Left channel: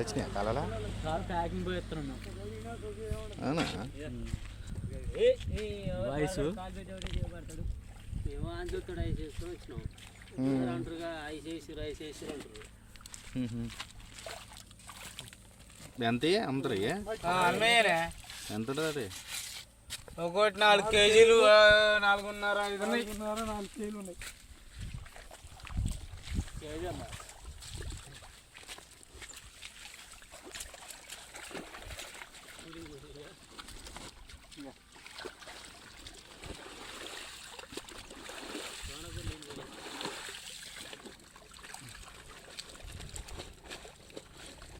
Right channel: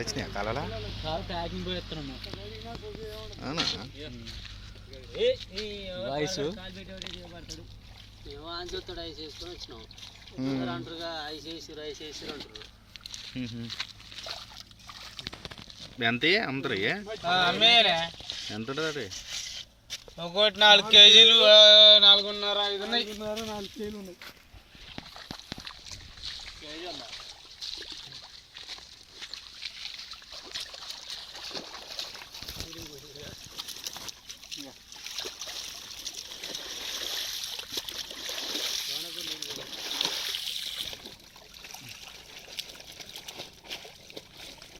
వచ్చినాయా కాలాలా కాలు ప్యాకింగ్ పోయి ఎత్తున్నాము. అవునా వాయిస్ ఏమో అని చూస్తాడు ఐస్ వేసుకొని వచ్చినాం అంటారుగా ఐస్ వేసారు అంటారు. ఎంత అమ్ముతారు ఎంత ఉంటుంది అది ఒకటి 4 కేజీలు 4.5 4 కేజీలు ఉన్నాయి.